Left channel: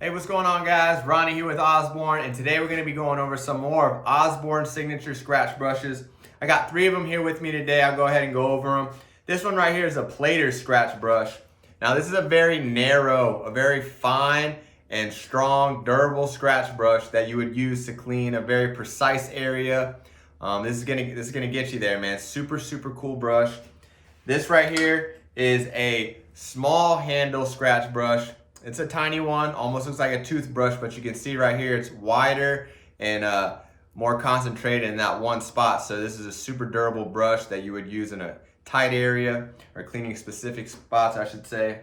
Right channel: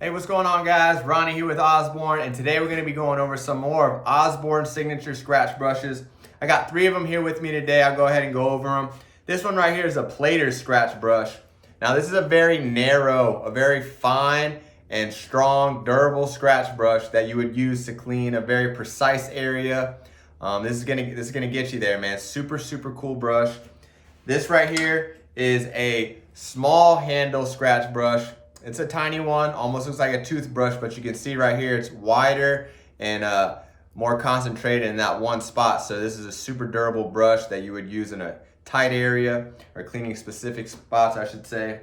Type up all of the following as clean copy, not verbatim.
Hey, what's going on, guys? Ronnie here with Osborn, and today we're going to be going over some more of Osborn's signature scratch brushes. I got 3 of them here with me today. I'll go ahead and go over them. This one right here is a Plater's scratch brush. Now, this is a very narrow, a very fine and strong, durable scratch brush that you would use to clean a very precise area. This is gonna get you there, man. Super cool brush. This right here is a small handle scratch brush. It's a tiny one, almost looks like a toothbrush, but you can see right here it's wider and more concentrated in that one spot. So this is a super durable brush that you would use in a tight area or cleaning specific spots, I should say.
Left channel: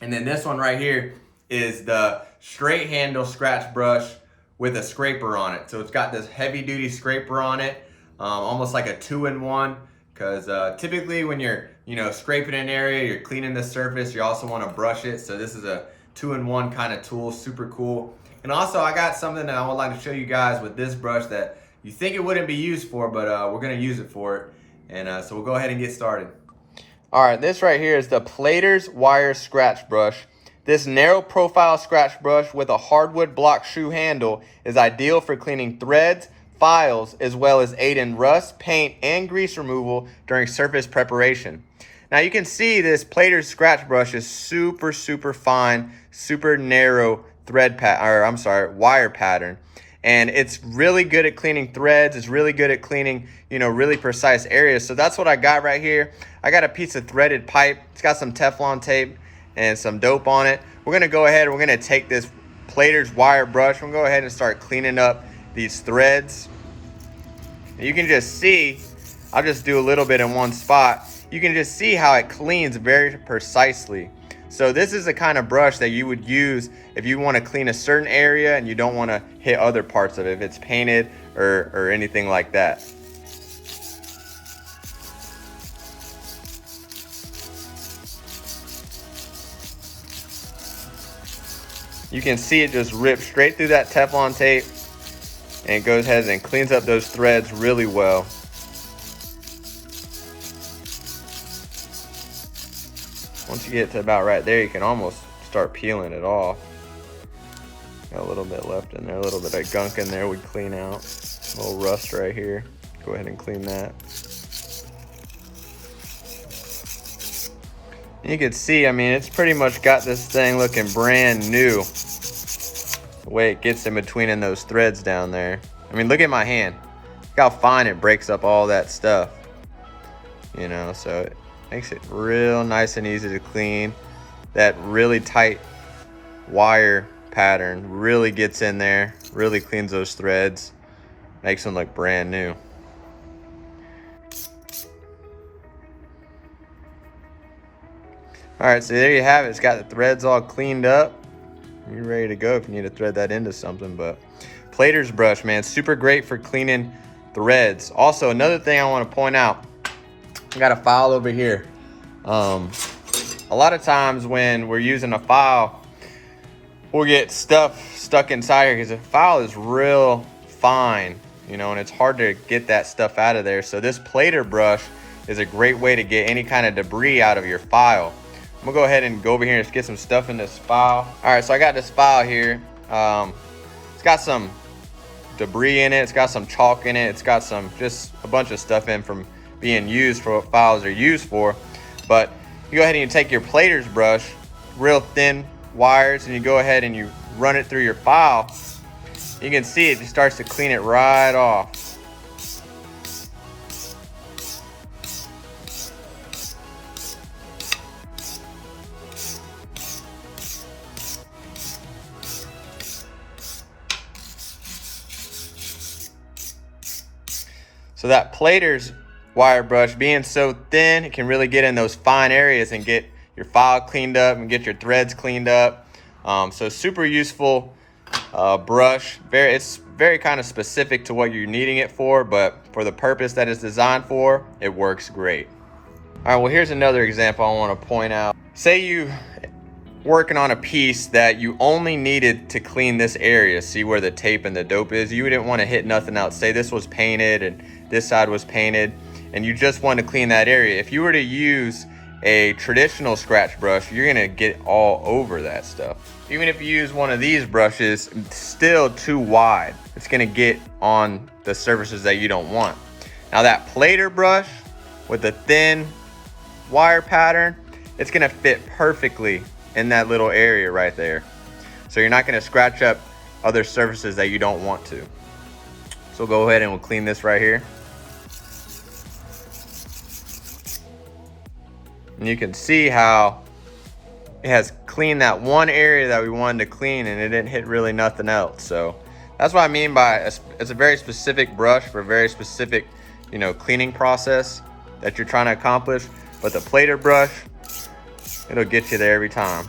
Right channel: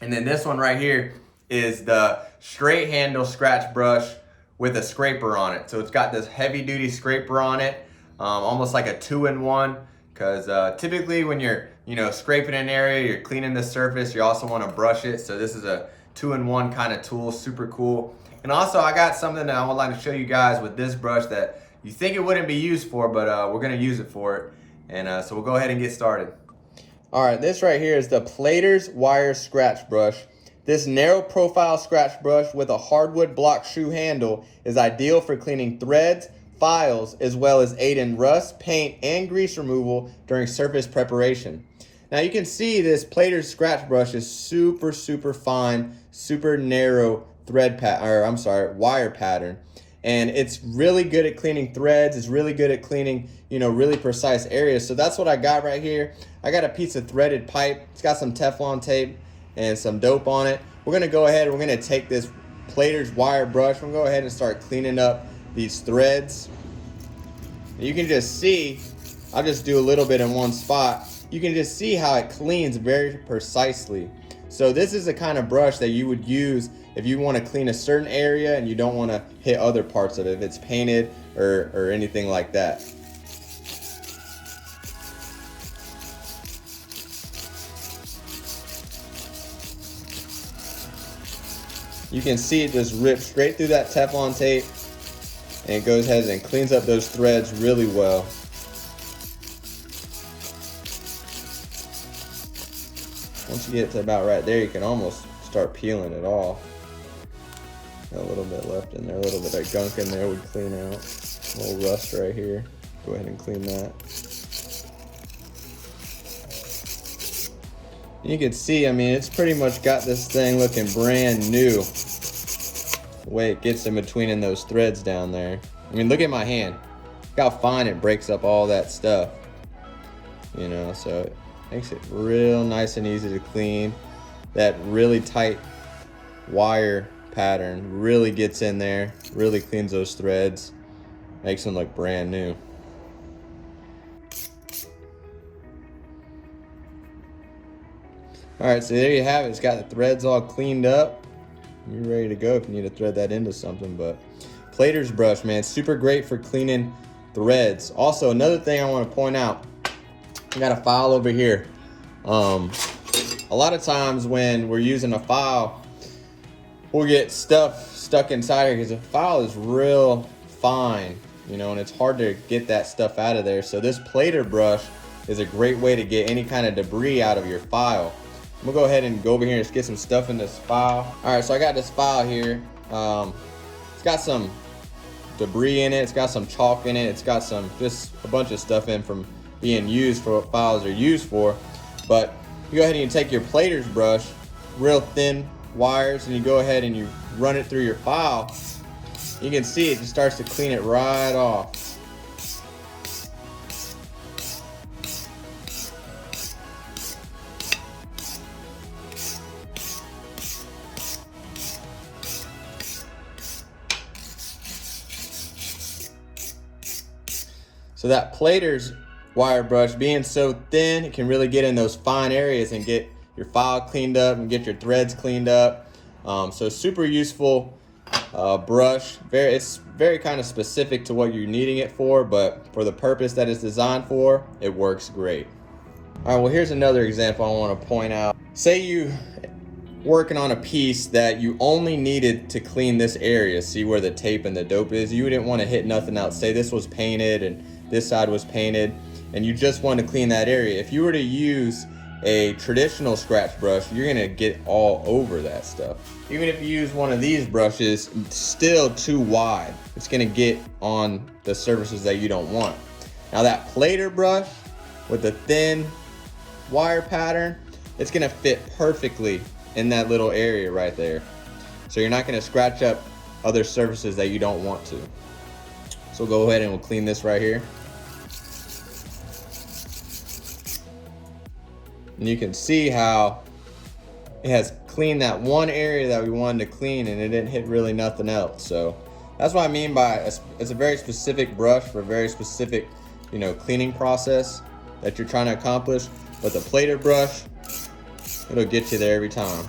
And then this one right here is the straight handle scratch brush with a scraper on it. So it's got this heavy duty scraper on it, almost like a 2-in-1. Because typically when you're scraping an area, you're cleaning the surface, you also want to brush it. So this is a 2-in-1 kind of tool, super cool. And also I got something that I would like to show you guys with this brush that you think it wouldn't be used for, but we're going to use it for it. And so we'll go ahead and get started. All right, this right here is the Plater's wire scratch brush. This narrow profile scratch brush with a hardwood block shoe handle is ideal for cleaning threads, files, as well as aid in rust, paint, and grease removal during surface preparation. Now you can see this Plater's scratch brush is super fine, super narrow wire pattern. And it's really good at cleaning threads. It's really good at cleaning, really precise areas. So that's what I got right here. I got a piece of threaded pipe. It's got some Teflon tape and some dope on it. We're gonna go ahead and we're gonna take this Plater's wire brush. We're gonna go ahead and start cleaning up these threads. You can just see, I'll just do a little bit in one spot. You can just see how it cleans very precisely. So this is the kind of brush that you would use if you want to clean a certain area and you don't want to hit other parts of it, if it's painted or anything like that. You can see it just rips straight through that Teflon tape, and it goes ahead and cleans up those threads really well. Once you get to about right there, you can almost start peeling it off. Got a little bit left in there, a little bit of gunk in there would clean out. A little rust right here. Go ahead and clean that. You can see, I mean, it's pretty much got this thing looking brand new. The way it gets in between in those threads down there. I mean, look at my hand. Look how fine it breaks up all that stuff. So it makes it real nice and easy to clean. That really tight wire pattern really gets in there, really cleans those threads, makes them look brand new. All right, so there you have it. It's got the threads all cleaned up. You're ready to go if you need to thread that into something. But Plater's brush, man, super great for cleaning threads. Also, another thing I want to point out, I got a file over here. A lot of times when we're using a file, we'll get stuff stuck inside here because the file is real fine, and it's hard to get that stuff out of there. So this Plater brush is a great way to get any kind of debris out of your file. I'm gonna go ahead and go over here and just get some stuff in this file. All right, so I got this file here. It's got some debris in it. It's got some chalk in it. It's got just a bunch of stuff in from being used for what files are used for. But you go ahead and you take your Plater's brush, real thin wires, and you go ahead and you run it through your file. You can see it just starts to clean it right off. So that Plater's wire brush being so thin, it can really get in those fine areas and get your file cleaned up and get your threads cleaned up. So super useful brush. It's very kind of specific to what you're needing it for, but for the purpose that it's designed for, it works great. All right, well, here's another example I want to point out. Say you working on a piece that you only needed to clean this area, see where the tape and the dope is. You didn't want to hit nothing else. Say this was painted and this side was painted, and you just want to clean that area. If you were to use a traditional scratch brush, you're gonna get all over that stuff. Even if you use one of these brushes, it's still too wide. It's gonna get on the surfaces that you don't want. Now that plater brush with the thin wire pattern, it's gonna fit perfectly in that little area right there. So you're not gonna scratch up other surfaces that you don't want to. So we'll go ahead and we'll clean this right here. And you can see how it has cleaned that one area that we wanted to clean, and it didn't hit really nothing else. So that's what I mean by it's a very specific brush for a very specific, you know, cleaning process that you're trying to accomplish. But the plater brush, it'll get you there every time.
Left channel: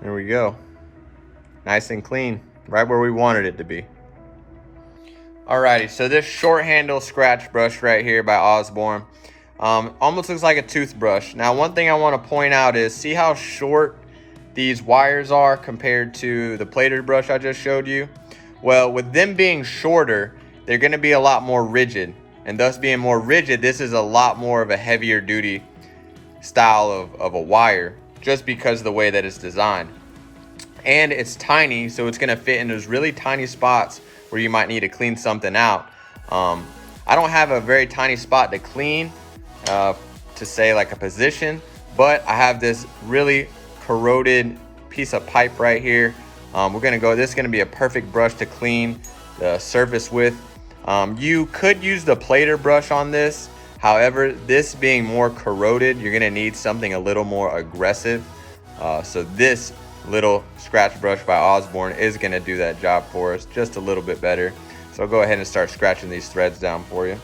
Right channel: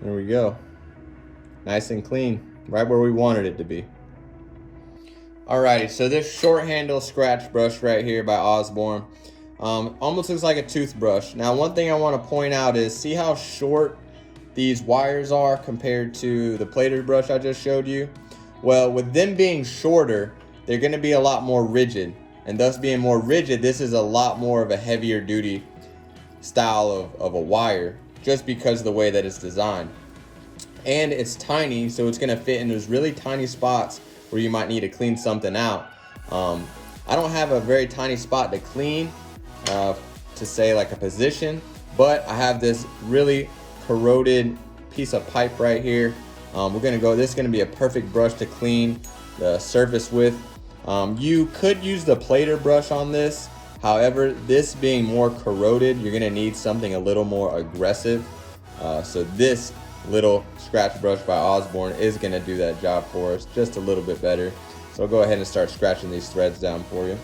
There we go. Nice and clean, right where we wanted it to be. Alrighty, so this short handle scratch brush right here by Osborn almost looks like a toothbrush. Now, one thing I want to point out is, see how short these wires are compared to the plated brush I just showed you? Well, with them being shorter, they're going to be a lot more rigid, and thus being more rigid, this is a lot more of a heavier duty style of a wire, just because of the way that it's designed. And it's tiny, so it's going to fit in those really tiny spots where you might need to clean something out. I don't have a very tiny spot to clean, to say like a position, but I have this really corroded piece of pipe right here. This is gonna be a perfect brush to clean the surface with. You could use the plater brush on this. However, this being more corroded, you're gonna need something a little more aggressive. So this little scratch brush by Osborn is gonna do that job for us just a little bit better. So I'll go ahead and start scratching these threads down for you.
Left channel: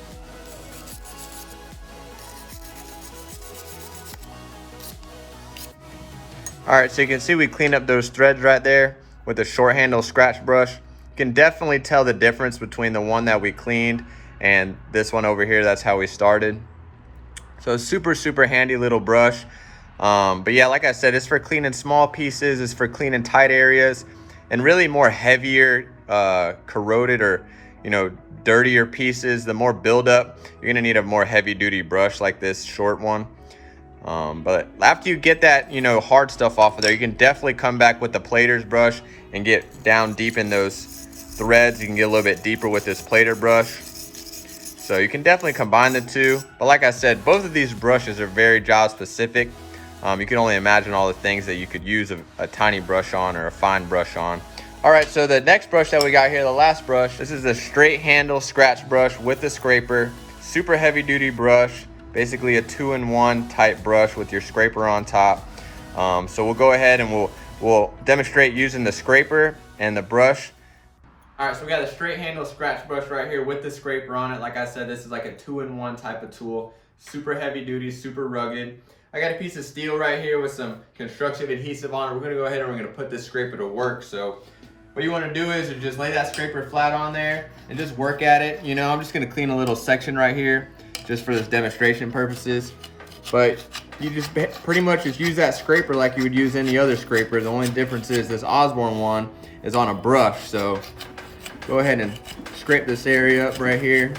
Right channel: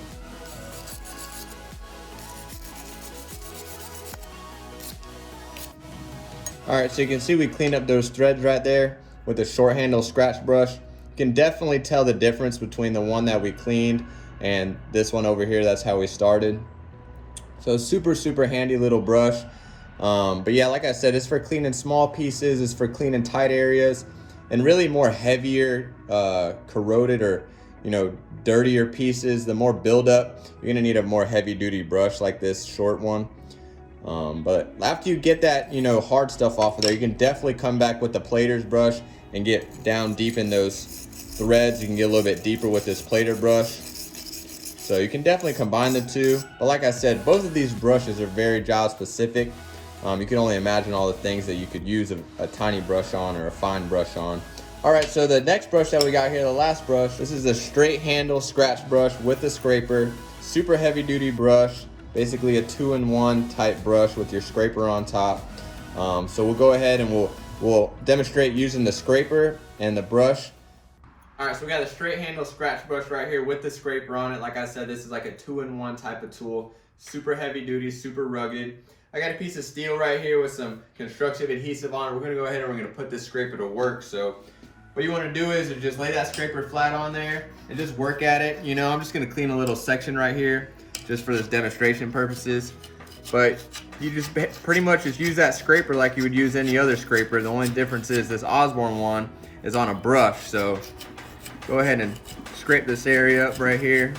All right, so you can see we cleaned up those threads right there with the short handle scratch brush. You can definitely tell the difference between the one that we cleaned and this one over here. That's how we started. So super, super handy little brush. But yeah, like I said, it's for cleaning small pieces, it's for cleaning tight areas, and really more heavier, corroded or, you know, dirtier pieces. The more buildup, you're gonna need a more heavy duty brush like this short one. But after you get that, you know, hard stuff off of there, you can definitely come back with the plater's brush and get down deep in those threads. You can get a little bit deeper with this plater brush. So you can definitely combine the two. But like I said, both of these brushes are very job specific. You can only imagine all the things that you could use a tiny brush on or a fine brush on. All right, so the next brush that we got here, the last brush, this is a straight handle scratch brush with the scraper. Super heavy duty brush, basically a 2-in-1 type brush with your scraper on top. So we'll go ahead and we'll demonstrate using the scraper and the brush. All right, so we got a straight handle scratch brush right here with the scraper on it. Like I said, this is like a 2-in-1 type of tool. Super heavy duty, super rugged. I got a piece of steel right here with some construction adhesive on it. We're gonna go ahead and we're gonna put this scraper to work. So what you wanna do is just lay that scraper flat on there and just work at it. You know, I'm just gonna clean a little section right here just for this demonstration purposes. But you just pretty much just use that scraper like you would use any other scraper. The only difference is this Osborn one is on a brush. So go ahead and scrape this area up right here.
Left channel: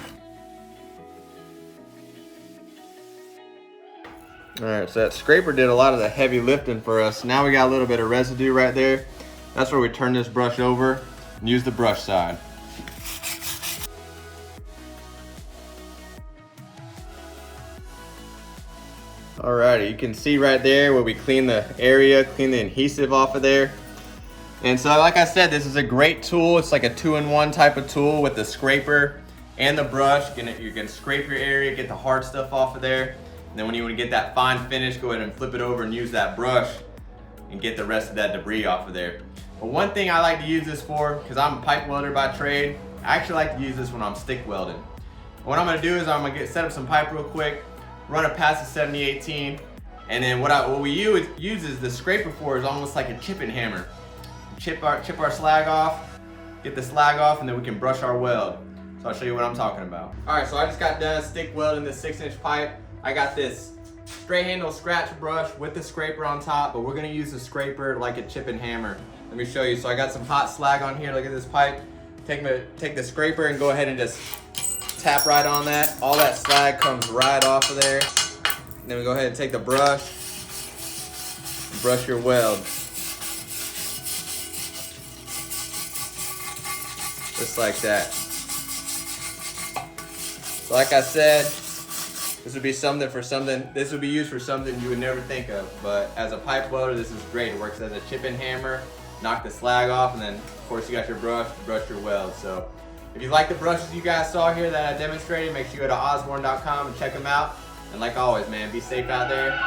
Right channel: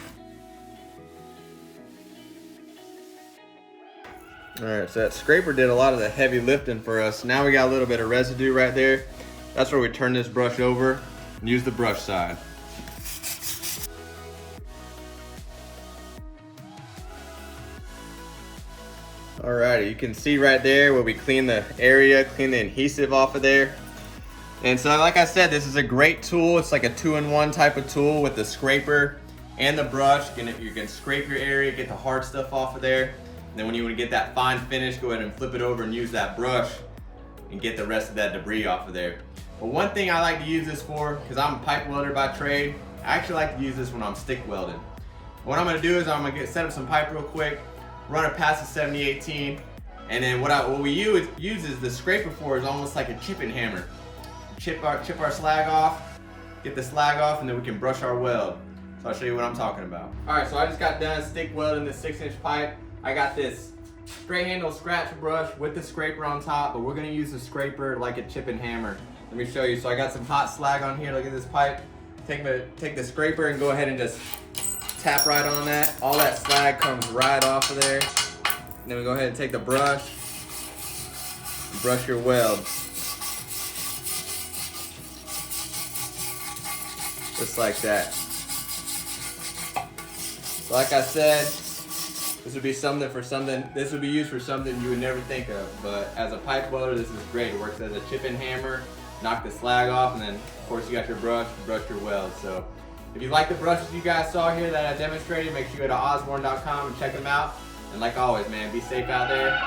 All right, so that scraper did a lot of the heavy lifting for us. Now we got a little bit of residue right there. That's where we turn this brush over and use the brush side. Alrighty, you can see right there where we clean the area, clean the adhesive off of there. And so like I said, this is a great tool. It's like a 2-in-1 type of tool with the scraper and the brush. You can scrape your area, get the hard stuff off of there. And then when you want to get that fine finish, go ahead and flip it over and use that brush and get the rest of that debris off of there. But one thing I like to use this for, because I'm a pipe welder by trade, I actually like to use this when I'm stick welding. What I'm going to do is I'm going to set up some pipe real quick, run it past the 7018, and then what we use is the scraper for is almost like a chipping hammer. Chip our slag off, get the slag off, and then we can brush our weld. So I'll show you what I'm talking about. All right, so I just got done stick welding this 6-inch pipe. I got this straight handle scratch brush with the scraper on top, but we're gonna use the scraper like a chipping hammer. Let me show you. So I got some hot slag on here. Look at this pipe. Take the scraper and go ahead and just tap right on that. All that slag comes right off of there. Then we go ahead and take the brush and brush your weld. Just like that. So like I said, this would be this would be used for something you would never think of, but as a pipe welder, this is great. It works as a chip-in hammer, knock the slag off, and then of course you got your brush your weld. So if you like the brushes you guys saw here that I demonstrated, make sure you go to osborn.com and check them out. And like always, man, be safe out there.